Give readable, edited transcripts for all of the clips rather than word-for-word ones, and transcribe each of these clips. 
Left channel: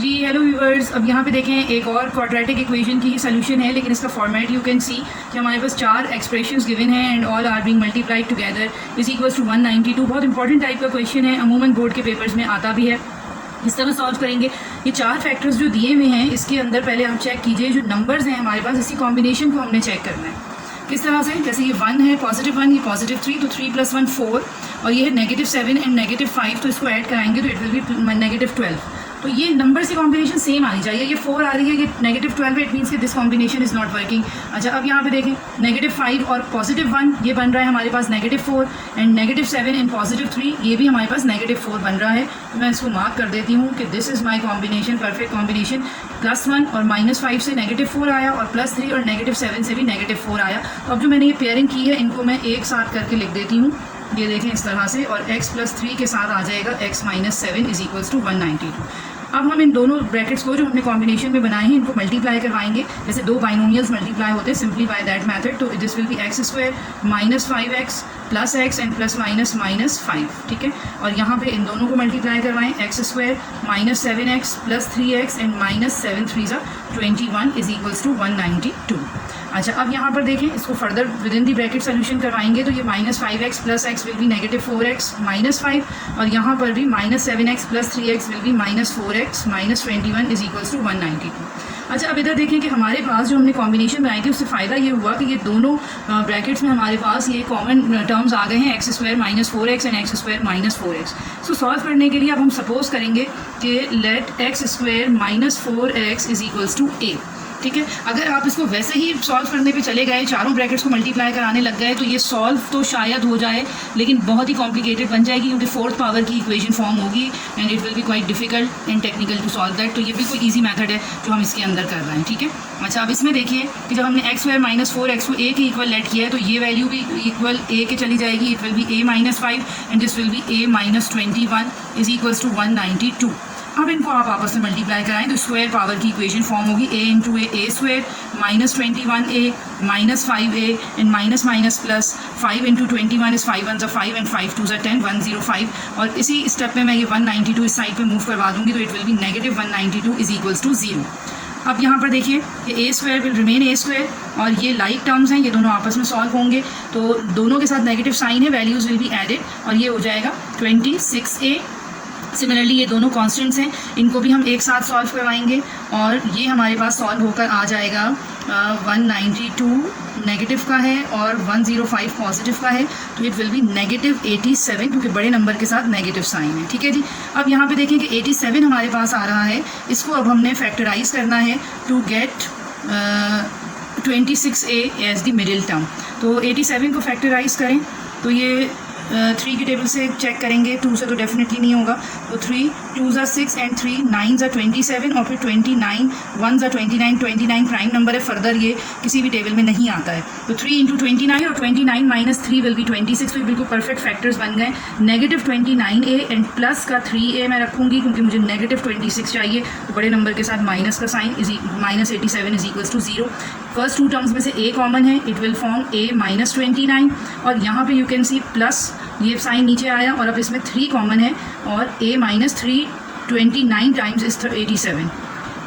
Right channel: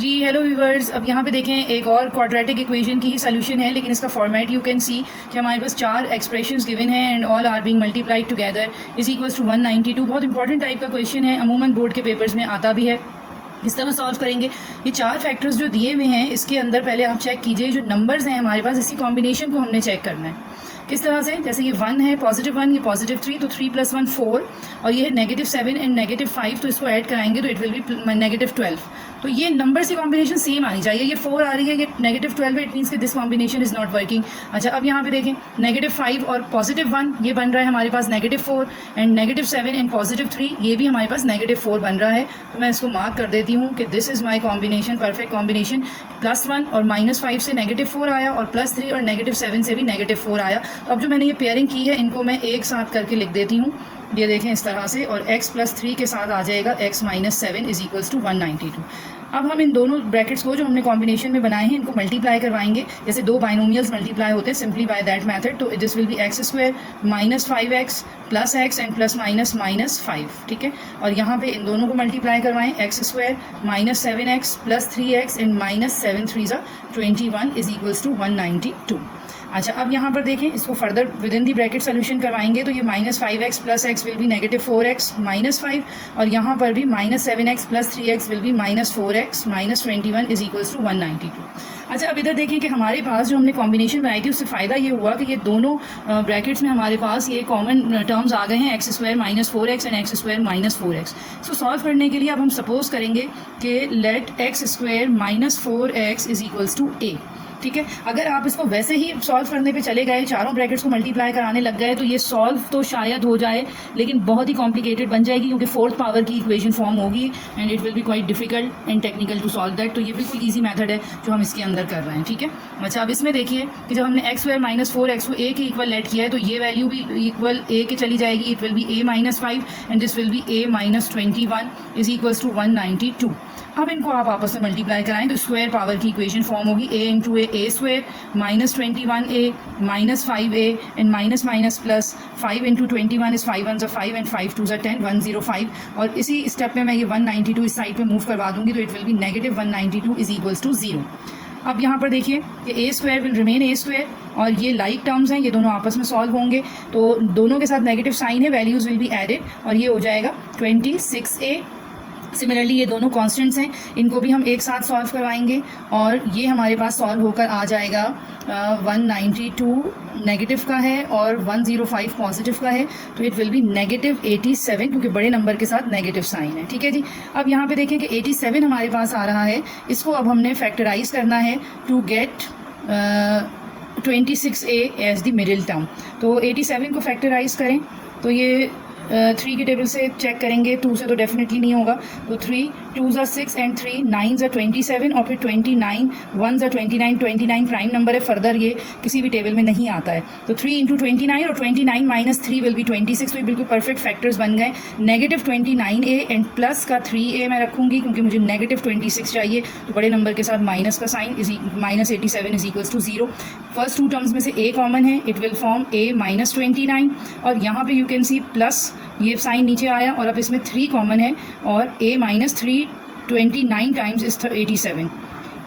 जी hello viewers, अब यहाँ पे देखें एक और क्वाड्रेटिक इक्वेशन की ही सोल्यूशन है, लेकिन इसका फॉर्मेट यू कैन सी कि हमारे पास चार एक्सप्रेशंस गिवन हैं and all are being multiplied together is equals to 192। बहुत इंपॉर्टेंट टाइप का क्वेश्चन है, अमूमन बोर्ड के पेपर्स में आता भी है। इस तरह सॉल्व करेंगे। ये चार फैक्टर्स जो दिए हुए हैं इसके अंदर पहले आप चेक कीजिए जो नंबर्स हैं हमारे पास, इसी कॉम्बिनेशन को हमने चेक करना है। किस तरह से, जैसे ये 1 है, पॉजिटिव 1, ये पॉजिटिव 3, तो 3 + 1 4, और ये है -7 एंड -5, तो इसको ऐड कराएंगे तो इट विल बी -12। तो ये नंबर से कॉम्बिनेशन सेम आनी चाहिए। ये 4 आ रही है, ये -12 है, इट मीन्स कि this combination is not working. अच्छा, अब यहाँ पे देखें -5 और +1 ये बन रहा है हमारे पास -4, एंड -7 एंड +3 ये भी हमारे पास -4 बन रहा है। तो मैं इसको मार्क कर देती हूँ कि this is my combination, perfect combination. +1 और -5 से -4 आया, और +3 और -7 से भी -4 आया। तो अब जो मैंने ये पेयरिंग की है इनको मैं एक साथ करके लिख देती हूँ, ये देखें इस तरह से, और x + 3 के साथ आ जाएगा x - 7 इज इक्वल्स टू 192। अब हम इन दोनों ब्रैकेट्स को जो हमने कॉम्बिनेशन में बनाए हैं इनको मल्टीप्लाई करवाएंगे, जैसे दो बाइनोमियल्स मल्टीप्लाई होते हैं सिंपली बाय दैट मेथड। तो this will B x² - 5x + x and +- -5, ठीक है। और यहाँ पे इन दोनों को मल्टीप्लाई करवाएं, x² - 7x + 3x and -7 3 21 is equals to 192। अच्छा, अब यहाँ पर देखें, इसको further with in the bracket solution करवाएंगे तो ये -5x + x will be -4x - 5, और यहाँ पर भी -7x + 3x will be -4x - 21 is equals to 192। अच्छा, अब इधर देखें कि हमारे पास जो हमने कॉम्बिनेशन बनाई थी उससे फ़ायदा ये हुआ कि ये दोनों ब्रैकेट्स में हमारे पास ये कॉमन टर्म्स आ गए हैं, x² - 4x and x² - 4x। So solve करने के लिए अब हम सपोज करेंगे कि let x² - 4x is equals to a, ठीक है। अगर आप इसको वैसे ही सॉल्व करने पे चले गए, चारों ब्रैकेट्स को मल्टीप्लाई कराने लग गए, तो ये सॉल्व तो शायद हो जाए लेकिन बहुत ही कॉम्प्लिकेटेड बन जाएगी, क्योंकि 4th पावर की इक्वेशन फॉर्म होगी and it will be quite difficult and technical to solve that. तो ये बिल्कुल ईजी मेथड है जो हम इसके अंदर कर रहे हैं, ठीक है। अच्छा, अब इसमें देखिए कि जब हमने x² - 4x को a के इक्वल लेट किया है तो ये वैल्यू भी इक्वल a के चली जाएगी, it will be a - 5 and this will be a - 21 is equals to 192। अब इनको आप आपस में मल्टीप्लाई कराएं तो स्क्वायर पावर की इक्वेशन फॉर्म होगी, a into a square -21a -5a and minus plus 5 into 21 is 5 1 5 and 5 2 10 105। और इसी स्टेप में मैं ये 192 इस साइड पे मूव करवा दूंगी तो it will be -192 is equals to 0। अब यहाँ पर देखिए कि a square will remain a square, और ये लाइक टर्म्स हैं, ये दोनों आपस में सॉल्व होंगे तो दोनों के साथ नेगेटिव साइन है, वैल्यूज़ विल बी एडेड और ये हो जाएगा 26a। सिमिलरली ये दोनों कांस्टेंट्स हैं, इनको भी हम एक साथ सॉल्व करवाएंगे और ये हमारे पास सॉल्व होकर आ जाएगा 192 नेगेटिव का है और 105 पॉजिटिव का है, तो इट विल बी -87, क्योंकि बड़े नंबर के साथ नेगेटिव साइन है, ठीक है जी। अब यहाँ पे देखें कि 87 हमारे पास आ रहा है, इसको अब हमने फैक्टराइज करना है to get 26a as the middle term. तो 87 को फैक्टराइज करें तो ये 3 के टेबल से चेक करेंगे, 2 से तो डेफिनेटली नहीं होगा, तो 3 2 ज़ा 6 एंड 3 9 ज़ा 27 और फिर 29 1 ज़ा 29 प्राइम नंबर है, फर्दर ये किसी भी टेबल में नहीं आता है। तो 3 इंटू 29 और 29 - 3 विल बी 26, तो ये बिल्कुल परफेक्ट फैक्टर्स बन गए। -29a एंड प्लस का 3a मैं रखूँगी क्योंकि मुझे -26 चाहिए, तो बड़े नंबर के साथ माइनस का sign is -87 is equals to 0। First two terms में से a कॉमन है, इट विल फॉर्म a - 29, और यहाँ पे यू कैन सी प्लस ये साइन नीचे आया और अब इसमें 3 कॉमन है और a - 3 29 टाइम्स इज 87।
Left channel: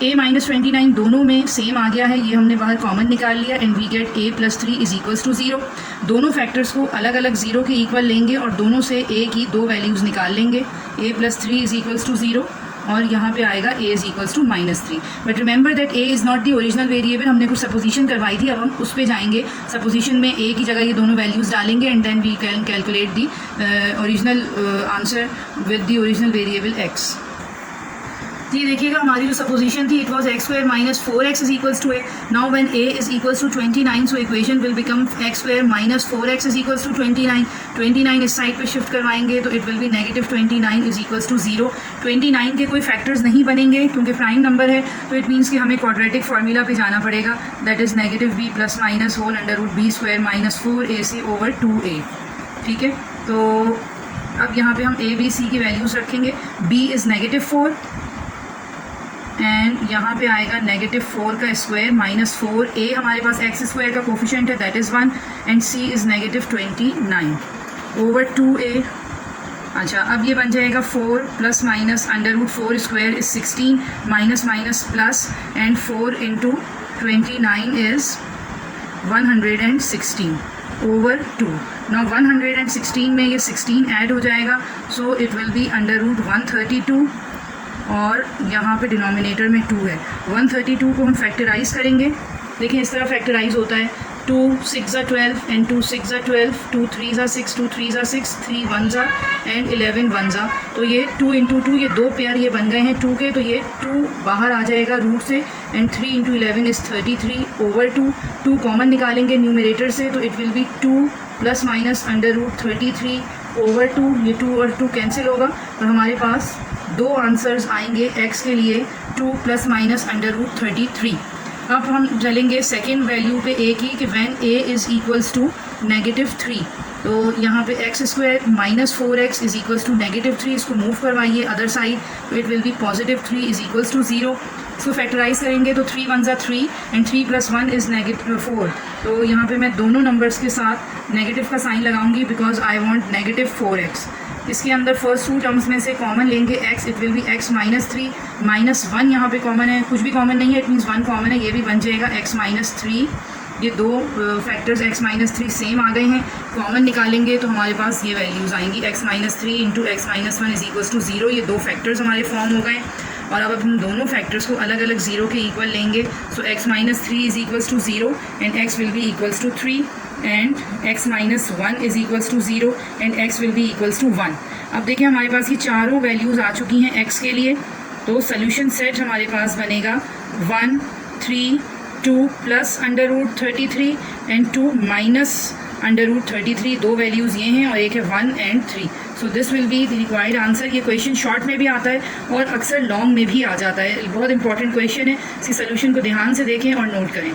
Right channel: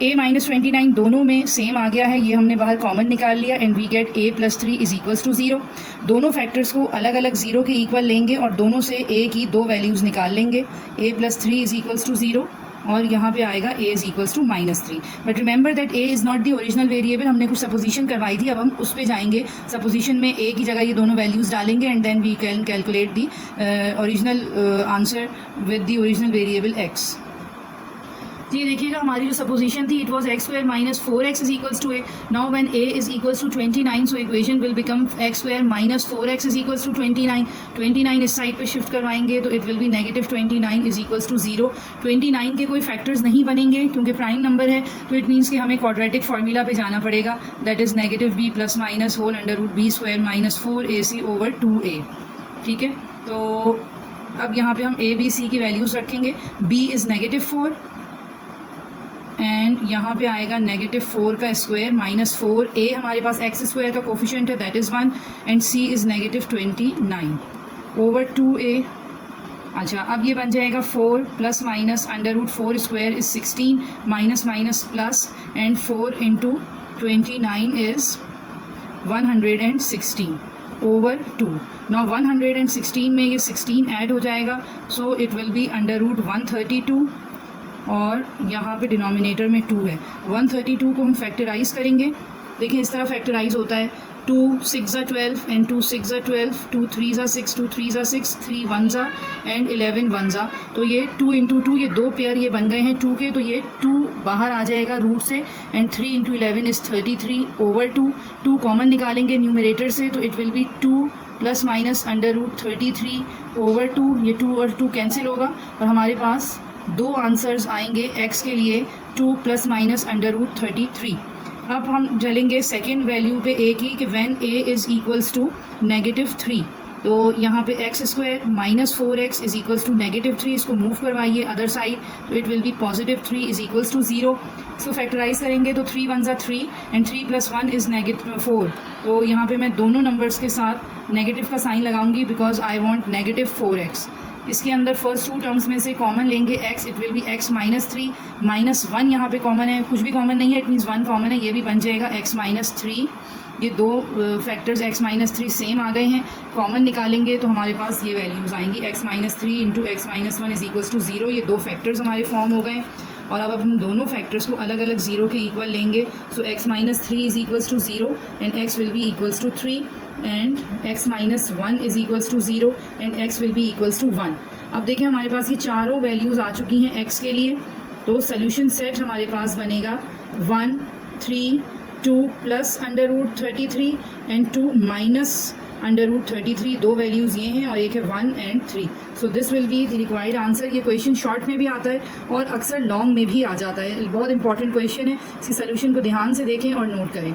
a - 29 दोनों में सेम आ गया है, ये हमने बाहर कॉमन निकाल लिया and we get a + 3 is equals to 0। दोनों फैक्टर्स को अलग अलग 0 के इक्वल लेंगे और दोनों से a की 2 वैल्यूज़ निकाल लेंगे, a + 3 इज इक्वल्स टू 0 और यहाँ पे आएगा a is equals to -3। But remember that a is not the original variable, हमने कुछ सपोजिशन करवाई थी, अब हम उस पर जाएंगे। सपोजिशन में a की जगह ये दोनों वैल्यूज़ डालेंगे and then we can calculate the original answer with the original variable x। ये देखिएगा हमारी जो सपोजिशन थी, it was x² - 4x is equals to a। Now when a is equals to 29, so equation will become x² - 4x is equals to 29 इस side पे shift करवाएंगे तो it will be -29 is equals to 0। 29 के कोई factors नहीं बनेंगे क्योंकि prime number है, तो इट मीन्स कि हमें क्वाड्रेटिक फार्मूला पे जाना पड़ेगा, that is -b + -(b² - 4ac/2a), ठीक है। तो अब यहाँ पे हम a b c की वैल्यूज़ रखेंगे, b इज़ -4 एंड यहाँ पे आएगा -4 का स्क्वायर -4a, हमारे पास x² का कोफिशिएंट है that is 1 and c is -29 over 2a अच्छा, अब ये बन जाएगा 4 plus minus under root 4 square is 16 minus minus plus and 4 into 29 is 116 over 2. Now 116 में ये 16 ऐड हो जाएगा, so it will be under root 132 और यहाँ पे डिनोमिनेटर में 2 है. 132 को हम फैक्टराइज करेंगे. देखिए इस तरह फैक्टराइज होता है. 2 6 ज़ा 12 एंड 2 6 ज़ा 12, 2 3 ज़ा 6, 2 3 ज़ा 6, 3 1 ज़ा एंड 11 1 ज़ा. तो ये 2 इंटू 2, ये दो पेयर ये बन गए हैं 2 के, तो ये 2 बाहर आ जाएगा रूट से and 3 into 11 is 33 over 2. 2 common निकालेंगे न्यूमरेटर से, तो it will be 2 plus minus under root 33 over 2. ये 2 और 2 कैंसिल होगा और हमारे पास दो आंसर्स आएंगे x के लिए, 2 प्लस माइनस अंडर रूट 33. अब हम चलेंगे सेकेंड वैल्यू पे a की कि when a is equals to -3. तो यहाँ पे x square minus 4x is equals to -3. इसको मूव करवाइए अदर साइड, तो it will be +3 is equals to 0. इसको फैक्टराइज करेंगे तो 3 1 ज़ा 3 एंड 3 + 1 इज़ -4. तो यहाँ पे मैं दोनों नंबर्स के साथ नेगेटिव का साइन लगाऊंगी बिकॉज आई वांट -4x. इसके अंदर फर्स्ट 2 टर्म्स में से कॉमन लेंगे x, it will B x -3 -1 यहाँ पे कॉमन है, कुछ भी कॉमन नहीं है, इट मीन्स 1 कॉमन है, ये भी बन जाएगा x -3. ये दो फैक्टर्स x -3 सेम आ गए हैं, कॉमन निकालेंगे तो हमारे पास ये वैल्यूज़ आएंगी x -3 into x -1 is equals to 0. ये दो फैक्टर्स हमारे फॉर्म हो गए और अब हम दोनों फैक्टर्स को अलग अलग 0 के इक्वल लेंगे. So x -3 is equals to 0 and x will be equals to 3 and x -1 is equals to 0 and x will be equals to 1. अब देखिए हमारे पास ये चारों वैल्यूज़ आ चुकी हैं x के लिए. तो सोल्यूशन सेट हमारे पास बनेगा 1 3 2 plus under root 33 and 2 minus under root 33. दो वैल्यूज़ ये हैं और एक है 1 and 3. So this will be the required answer. ये क्वेश्चन शॉर्ट में भी आता है और अक्सर लॉन्ग में भी आ जाता है. बहुत इंपॉर्टेंट क्वेश्चन है, इसकी सोल्यूशन को ध्यान से देखें और नोट करें.